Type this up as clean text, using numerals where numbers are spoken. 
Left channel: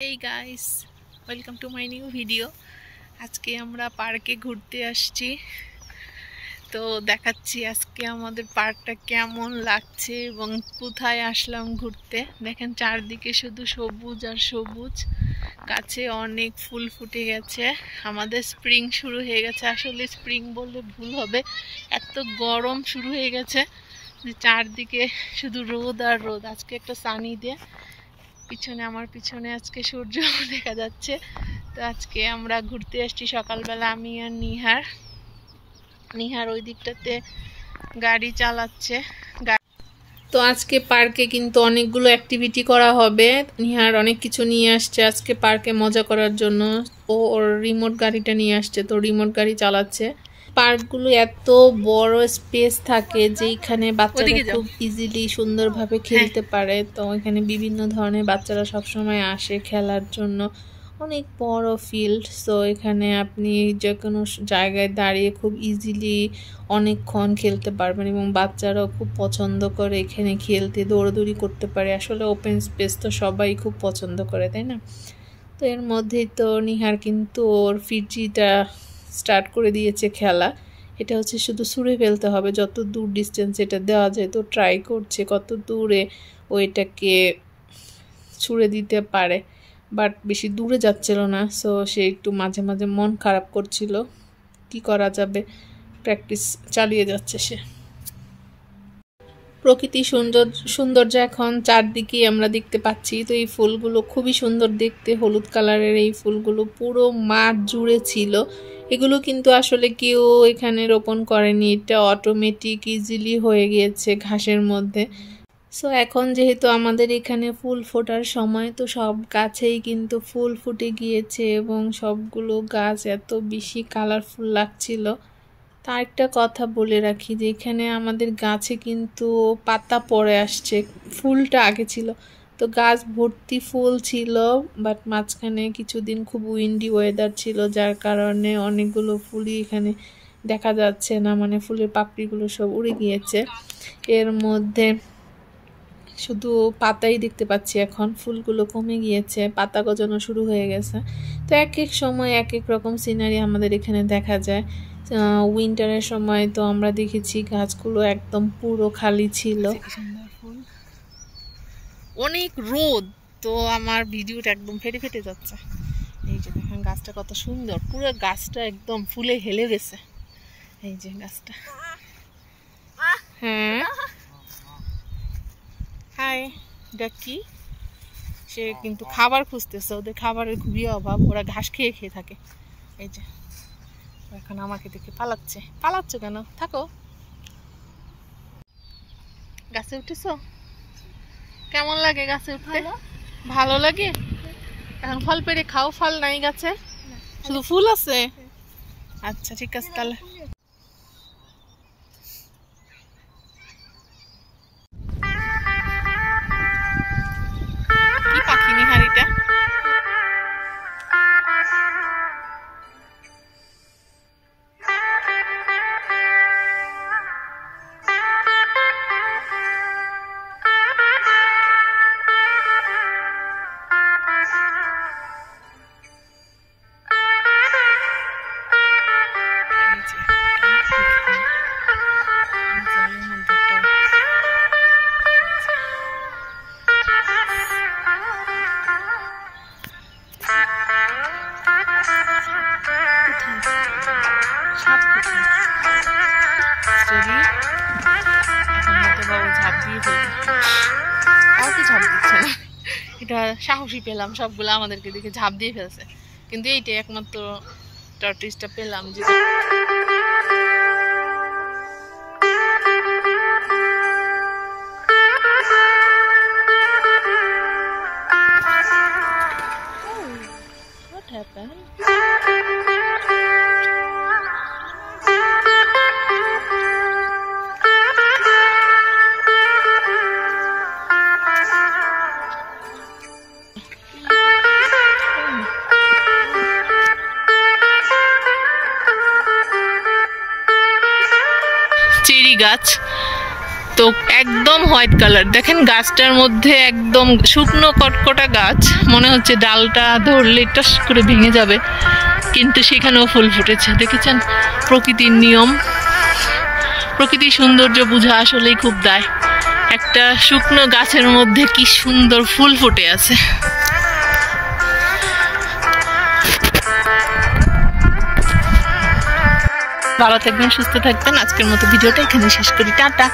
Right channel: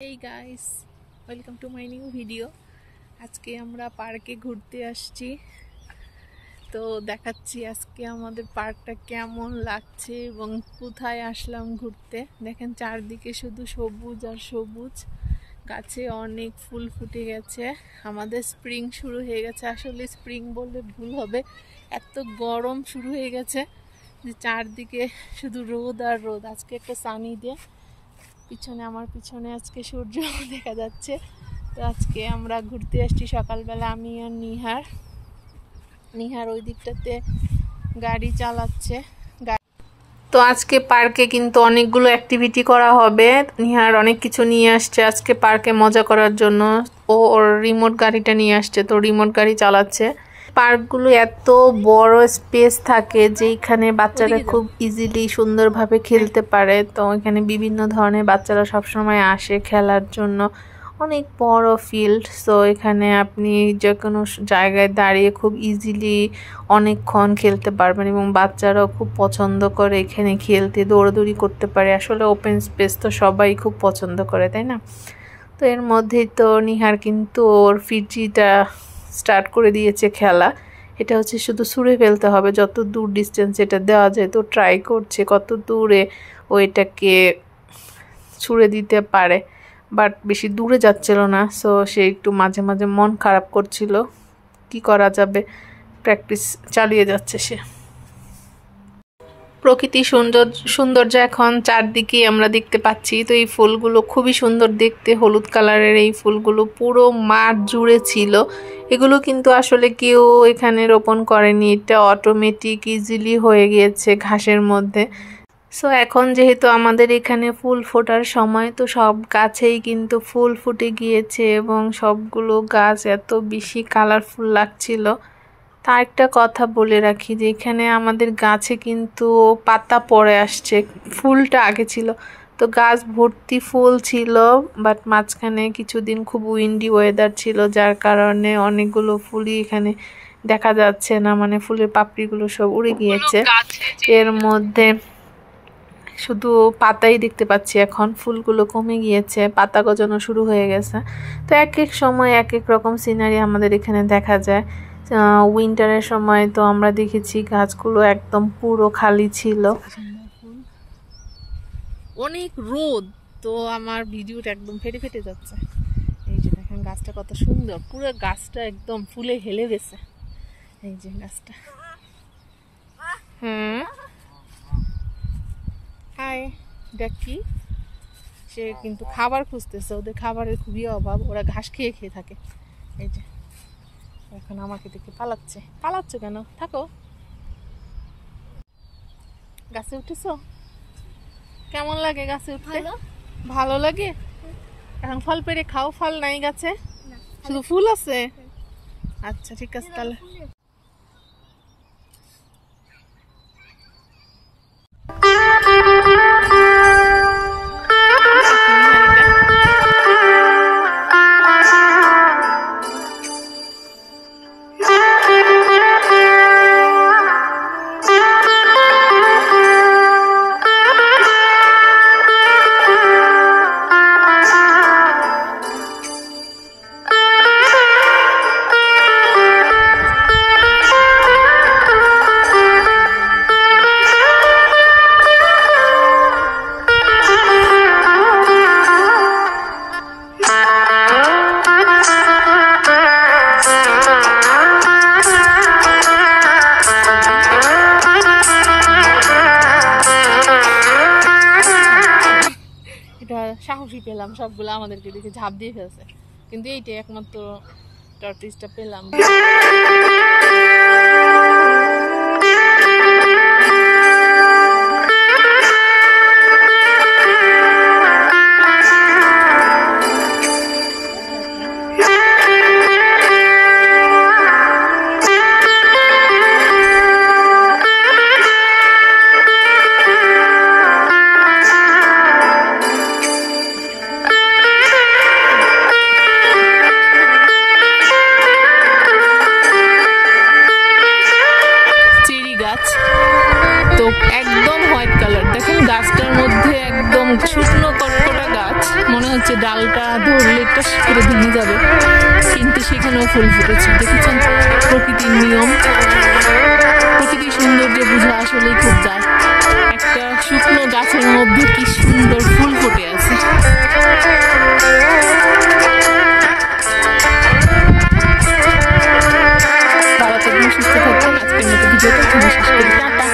Hey guys, welcome to my new video. আজকে আমরা পার্কে ঘুরতে আসছি। তো দেখাচ্ছি আজকে আমাদের পার্কটা কেমন লাগছে এবং কোথায় আসলাম ঘুরতে। দেখেন চারদিকে শুধু সবুজ আর সবুজ, গাছে অনেক ফুল ফুটে গেছে। আমাদের স্প্রিং শুরু হয়ে গেছে, আসলে স্প্রিং বললে ভুল হবে, এত গরম শুরু হয়ে গেছে যে চারদিকে শুধু রোদ আর রোদ। আজকে একটা সানি ডে, আমার পিছনে আজকে সূর্য দেখা যাচ্ছে। তো আজকে আমরা ঘুরতে আসছি সকালবেলা, আমি আর নিহার ওই দিকটাতে গাড়ি চালাচ্ছে। তো আজকে পার্কে কিন্তু অনেকগুলো অ্যাক্টিভিটি করা হবে। নিহার অনেক কিছু নিয়ে আসছে আজকে পার্কে মজা করার জন্য। ওর রিমোট গাড়িটা নিয়ে আসছে, তো রিমোট গাড়ি চালাচ্ছে। পার্কগুলো এত বড় স্পেস থাকে যেখানে বাচ্চারা খুব ইজিলি সুন্দরভাবে খেলতে পারে। তো এখানে বিভিন্ন ধরনের বাচ্চারা সবসময় আসে খেলার জন্য। অনেক বড় ফিল্ড, সো এখানে আপনি যে কোনো জায়গায় দাঁড়িয়ে খুব ইজিলি অনেকক্ষণ খেলতে পারবেন এবং বাচ্চারাও খুব পছন্দ করে এখানে খেলতে, দৌড়াদৌড়ি করতে পারে। আসলে ওপেন স্পেস তো সবাই খুব পছন্দ করে, তাই না? তো এর মধ্যেই তো নিহার কিন্তু ওর ফিজিটা স্টার্ট করে দিয়েছে খেলা। এটা হচ্ছে শুধু ছুঁড়ে ফেলতে হবে, যত দূর ডিস্টেন্স এটা দেওয়া যায়। তো ট্রাই করছে কত দূরে ও এটাকে ছুঁড়ে দিতে পারে, বাট বেশি দূরে যাচ্ছিল না। সো সে একটু মাঝে মাঝে মন খারাপ করছিল, কি করা যাবে, প্র্যাকটিস চালিয়ে যাচ্ছে সে। প্রকৃতি সৌন্দর্য এখন চারদিকে আমরা দেখতে পাচ্ছি। তো এই ফুলগুলো খুবই সুন্দর দেখতে, হলুদ কালারের এই ফুলগুলো পুরো মাঠ জুড়ে ছিল। এগুলো কিন্তু আসলে কেউ এখানে রোপণ করেনি, এটা অটোমেটিক ইজিলি হয়ে গিয়েছে ঘাসের মধ্যে। সো এখন যেহেতু আমাদের এখানে ফুল ফোটার সময়, তো সব গাছেই কিন্তু ফুল ফুটে গিয়েছে এবং সবগুলো গাছ এত বেশি কালারফুল লাগছিল। তা একটা কথা বলে রাখি যে এখানে আমাদের গাছে কিন্তু পাতা পড়ে আসছে, ফুলটা আগে ছিল। তো গাছ ভর্তি ফুল ছিল, বাট মাঝখানে কিছুদিন খুব উইন্ডি ওয়েদার ছিল, যার কারণে অনেকগুলো ফুলই এখানে দেখা যাচ্ছে না, মানে ফুলের পাপড়িগুলো সব উড়ে গিয়েছে। এর মধ্যে শুধু পাতাই দেখতে পাচ্ছি, এখন ফুলগুলো কমে গিয়েছে, পাতা গজানো শুরু হয়ে গেছে। তো এক এক সময় এক এক রকম সিনারি আমাদের এখানে দেখা যায়। উইন্টারের সময় তো আমরা দেখেছি গাছগুলো একদম পুরো খালি ছিল, অনেক রোদ, তো আমার ভিডিওটা একদম ফেটে ফেটে যাচ্ছে। এই যে দেখেন গাছটা কত সুন্দর, পুরো গাছটা একদম ফুলে হেলে গেছে। এই যে গাছটা, হ্যাঁ হাই ডাকি, সে কিন্তু খাবার খুঁজতেছে, ওদের খাবারের খুবই অভাব, ওরা ঘাস খেয়ে খেয়ে থাকে। এই যে এখন আমাকে দেখে পালাচ্ছ কেন? থাকো। গাছে উঠেছো? কেমন লাগে গাছে উঠতে? ভালো লাগে। এখন ফল পেড়ে খাও, ফল নাই গাছে, শুধু ফুল আছে। আচ্ছা ঠিক আছে তাহলে। সাহসী পেলাম, সবগুলো আমাদেরকে দেখে ঝাঁপ দিয়ে ফেলছে, কিন্তু এইটাই একমাত্র টর্টয়েসটা পেলাম। গাছ তো একদম হোয়াইট কালার, দেখেন গাছটার মধ্যে একদম শুকনো কটকটা গাছ, মনে হচ্ছে ডালটা ধরলে টস করে ভেঙে যাবে, কিন্তু সেখানেও ফুল ফুটেছে। দেখেছেন প্রকৃতির নিয়ম, প্রকৃতির সৌন্দর্য বোঝা আসলেই খুব দায়। একটা শুকনো গাছের মধ্যে কি সুন্দর ফুল ফুটে আছে। ভালো থাকবেন, সুস্থ থাকবেন। আজকের মতো ভিডিওটা এখানে শেষ করি। টাটা।